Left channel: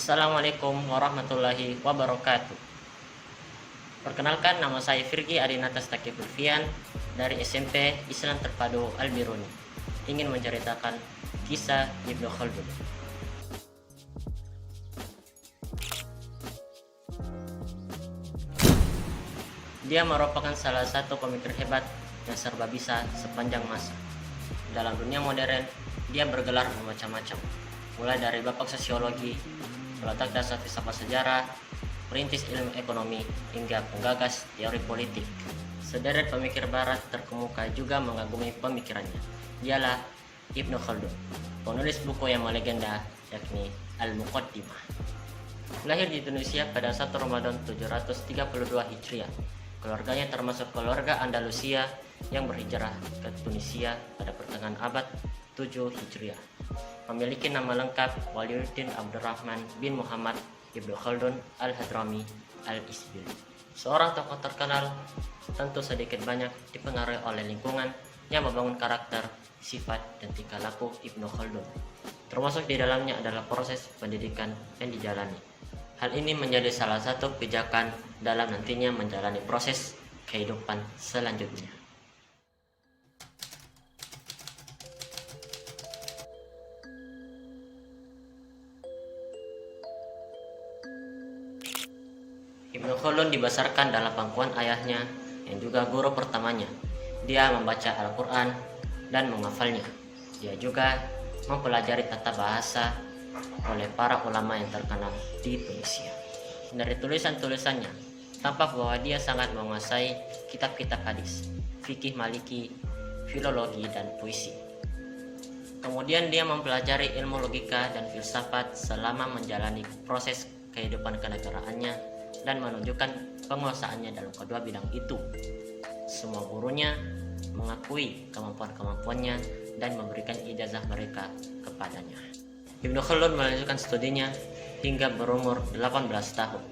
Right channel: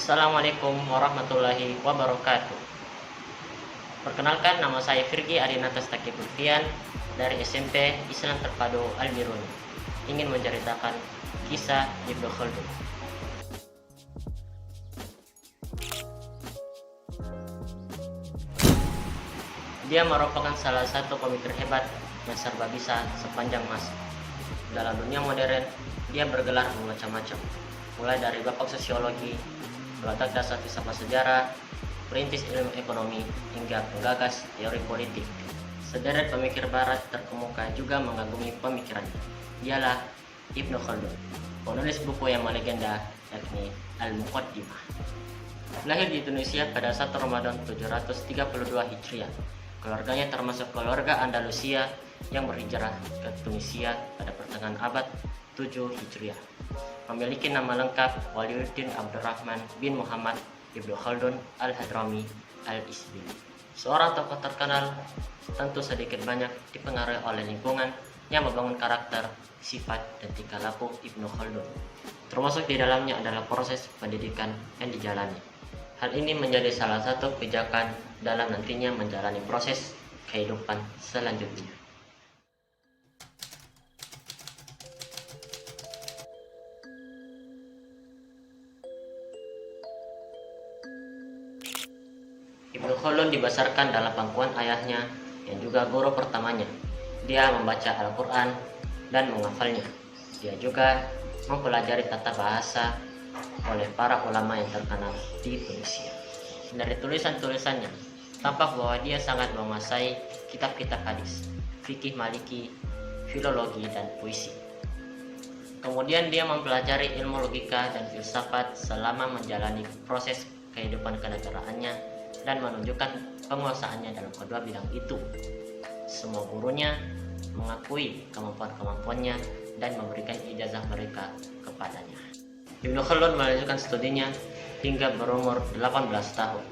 Assalamualaikum warahmatullahi wabarakatuh. Perkenalkan, nama saya Firgi Adinata Stakifulfian dari SMP Islam Terpadu Al-Biruni. Ingin menceritakan kisah Ibnu Khaldun. Dia merupakan salah satu pemikir hebat yang serba bisa sepanjang masa. Dalam dunia modern, dia bergelar bermacam-macam, mulai dari bapak sosiologi, peletak dasar filsafat sejarah, perintis ilmu ekonomi, hingga penggagas teori politik. Sederet pemikir barat terkemuka juga mengagumi pemikirannya. Dialah Ibnu Khaldun, penulis buku yang melegenda yakni Al-Muqaddimah. Lahir di Tunisia pada 1 Ramadan 732 Hijriah. Keluarganya termasuk keluarga Andalusia yang berhijrah ke Tunisia pada pertengahan abad 7 Hijriah. Memiliki nama lengkap Waliuddin Abdurrahman bin Muhammad Ibnu Khaldun Al-Hadrami Al-Isbili. Seorang tokoh terkenal, tentu sedikit banyak dipengaruhi oleh lingkungan yang membangun karakter, sifat, dan tingkah laku Ibnu Khaldun. Termasuk di dalamnya adalah proses pendidikan yang dijalani. Hal ini menjadi salah satu pijakan dalam nantinya menjalani proses kehidupan selanjutnya. Ibnu Khaldun dibesarkan dalam pangkuan ayahnya yang juga guru pertamanya. Dia membaca Al-Quran dan menghafalnya. Dia juga mempelajari tata bahasa oleh para ulama yang terkenal di Tunisia. Dari tulisan-tulisannya, tampak bahwa dia sangat menguasai kitab-kitab hadis, fikih maliki, filologi, dan puisi. Kemudian dia mempelajari ilmu logika dan filsafat selama menjalani proses kehidupan kenegaraannya dan menunjukkan penguasaannya dalam kedua bidang itu. Semua gurunya mengakui kemampuan-kemampuannya dan memberikan ijazah mereka kepadanya. Ibnu Khaldun melanjutkan studinya hingga berumur 18 tahun.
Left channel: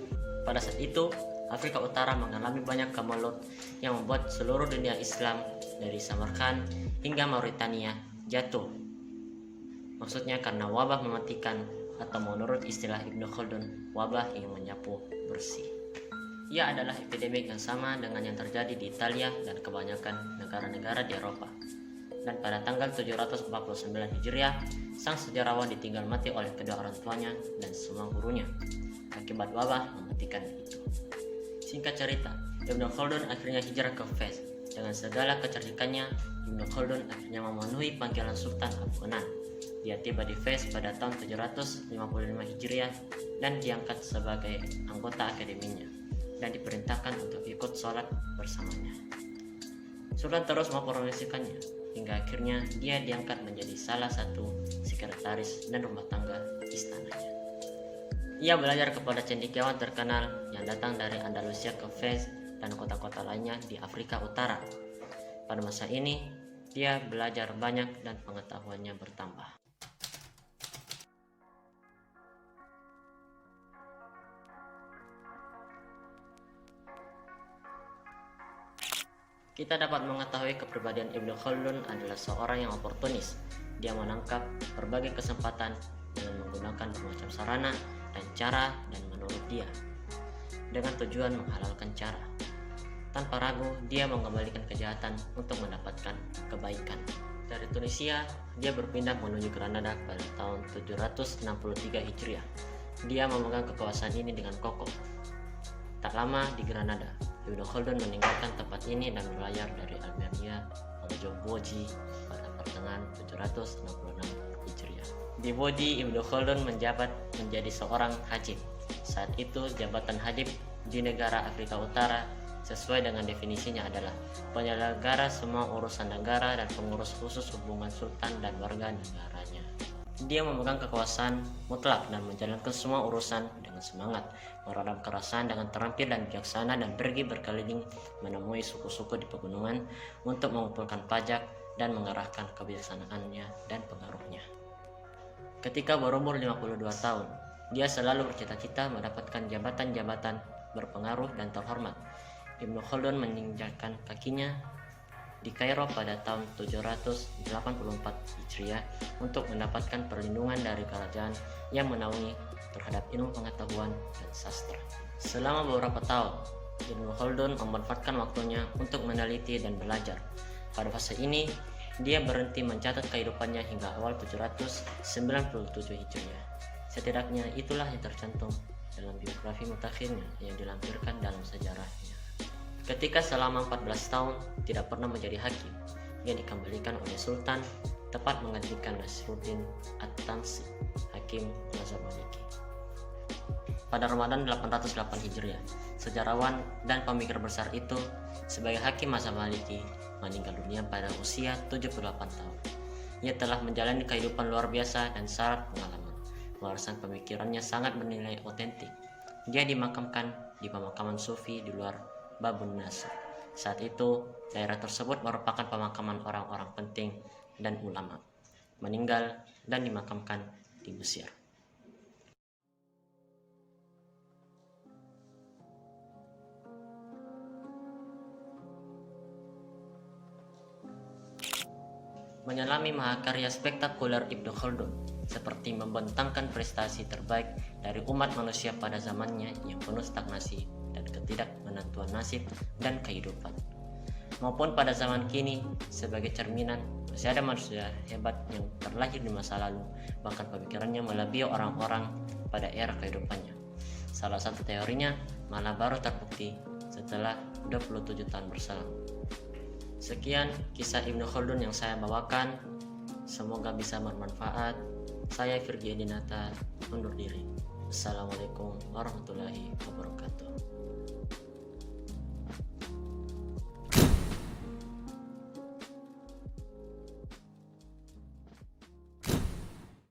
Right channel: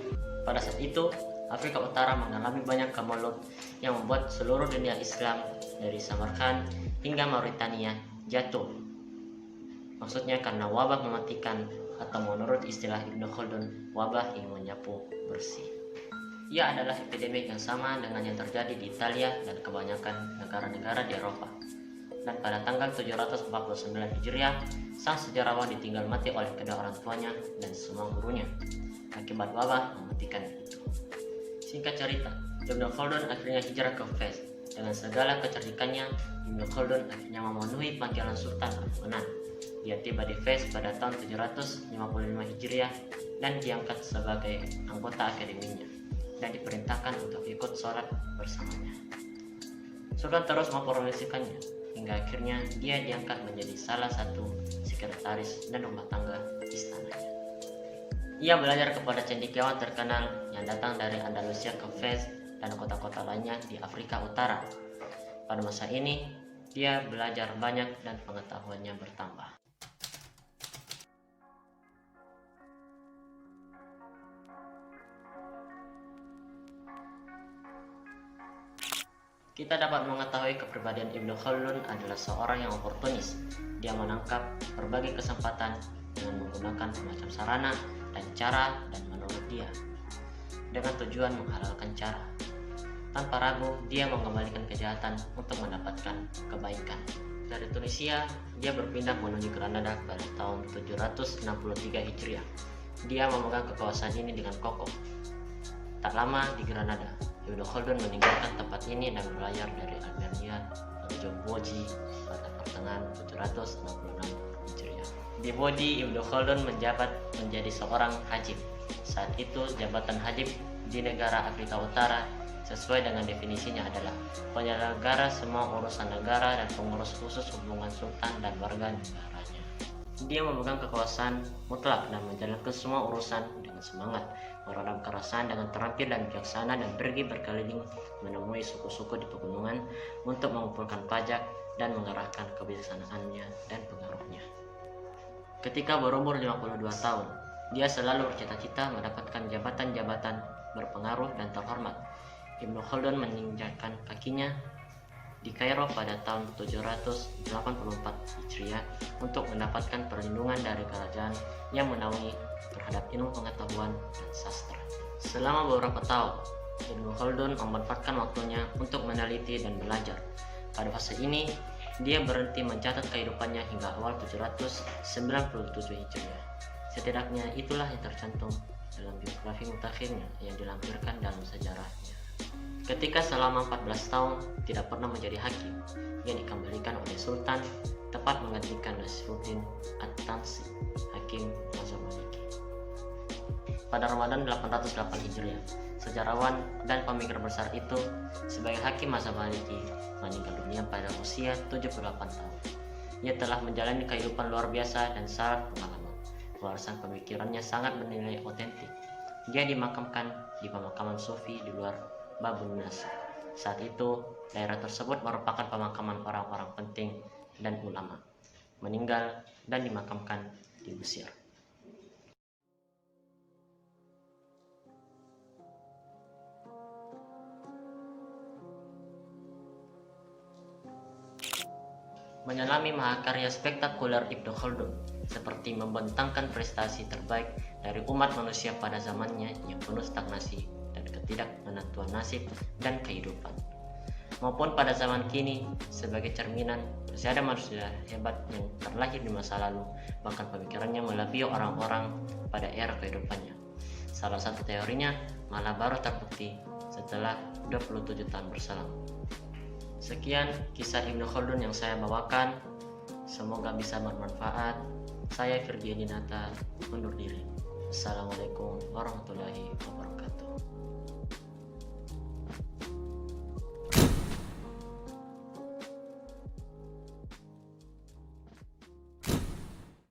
Pada saat itu, Afrika Utara mengalami banyak kemelut yang membuat seluruh dunia Islam dari Samarkand hingga Mauritania jatuh. Maksudnya karena wabah mematikan, atau menurut istilah Ibnu Khaldun, wabah yang menyapu bersih. Ia adalah epidemik yang sama dengan yang terjadi di Italia dan kebanyakan negara-negara di Eropa. Dan pada tanggal 749 Hijriah, sang sejarawan ditinggal mati oleh kedua orang tuanya dan semua gurunya akibat wabah mematikan itu. Singkat cerita, Ibnu Khaldun akhirnya hijrah ke Fez. Dengan segala kecerdikannya, Ibnu Khaldun akhirnya memenuhi panggilan Sultan Hamengkubuwono. Dia tiba di Fez pada tahun 755 Hijriah dan diangkat sebagai anggota akademinya dan diperintahkan untuk ikut sholat bersamanya. Sultan terus mempromosikannya hingga akhirnya dia diangkat menjadi salah satu sekretaris dan rumah tangga istananya. Ia belajar kepada cendekiawan terkenal yang datang dari Andalusia ke Fez dan kota-kota lainnya di Afrika Utara. Pada masa ini, dia belajar banyak dan pengetahuannya bertambah. Kita dapat mengetahui kepribadian Ibnu Khaldun adalah seorang yang oportunis. Dia menangkap berbagai kesempatan dengan menggunakan bermacam sarana dan cara dan menurut dia, dengan tujuan menghalalkan cara. Tanpa ragu, dia mengembalikan kejahatan untuk mendapatkan kebaikan. Dari Tunisia, dia berpindah menuju Granada pada tahun 763 Hijriah. Dia memegang kekuasaan ini dengan kokoh. Tak lama di Granada, Ibnu Khaldun meninggalkan tempat ini dan berlayar dari Albania menuju Boji pada pertengahan 766 Hijriah. Di Boji, Ibnu Khaldun menjabat menjadi seorang hajib. Saat itu, jabatan hajib di negara Afrika Utara sesuai dengan definisinya adalah penyelenggara semua urusan negara dan pengurus khusus hubungan sultan dan warga negaranya. Dia memegang kekuasaan mutlak dan menjalankan semua urusan dengan semangat, meredam kerasan dengan terampil dan bijaksana, dan pergi berkeliling menemui suku-suku di pegunungan untuk mengumpulkan pajak dan mengerahkan kebijaksanaannya dan pengaruhnya. Ketika berumur 52 tahun, dia selalu bercita-cita mendapatkan jabatan-jabatan berpengaruh dan terhormat. Ibnu Khaldun menginjakkan kakinya di di Kairo pada tahun 784 Hijriah untuk mendapatkan perlindungan dari kerajaan yang menaungi terhadap ilmu pengetahuan dan sastra. Selama beberapa tahun, Ibnu Khaldun memanfaatkan waktunya untuk meneliti dan belajar. Pada fase ini, dia berhenti mencatat kehidupannya hingga awal 797 Hijriah. Setidaknya itulah yang tercantum dalam biografi mutakhirnya yang dilampirkan dalam sejarahnya. Ketika selama 14 tahun tidak pernah menjadi hakim, ia dikembalikan oleh Sultan tepat menggantikan Nasruddin At-Tamsi, hakim Mazhab Maliki. Pada Ramadan 808 Hijriah, sejarawan dan pemikir besar itu sebagai hakim Mazhab Maliki meninggal dunia pada usia 78 tahun. Ia telah menjalani kehidupan luar biasa dan syarat pengalaman. Warisan pemikirannya sangat bernilai otentik. Dia dimakamkan di pemakaman Sufi di luar Babun Nasr. Saat itu, daerah tersebut merupakan pemakaman orang-orang penting dan ulama. Meninggal dan dimakamkan di Mesir. Menyelami mahakarya spektakuler Ibnu Khaldun, seperti membentangkan prestasi terbaik dari umat manusia pada zamannya yang penuh stagnasi dan ketidakmenentuan nasib dan kehidupan, maupun pada zaman kini sebagai cerminan masih ada manusia hebat yang terlahir di masa lalu, bahkan pemikirannya melebihi orang-orang pada era kehidupannya. Salah satu teorinya malah baru terbukti setelah 27 tahun berselang. Sekian kisah Ibnu Khaldun yang saya bawakan, semoga bisa bermanfaat. Saya Virgi Adinata undur diri. Assalamualaikum warahmatullahi wabarakatuh.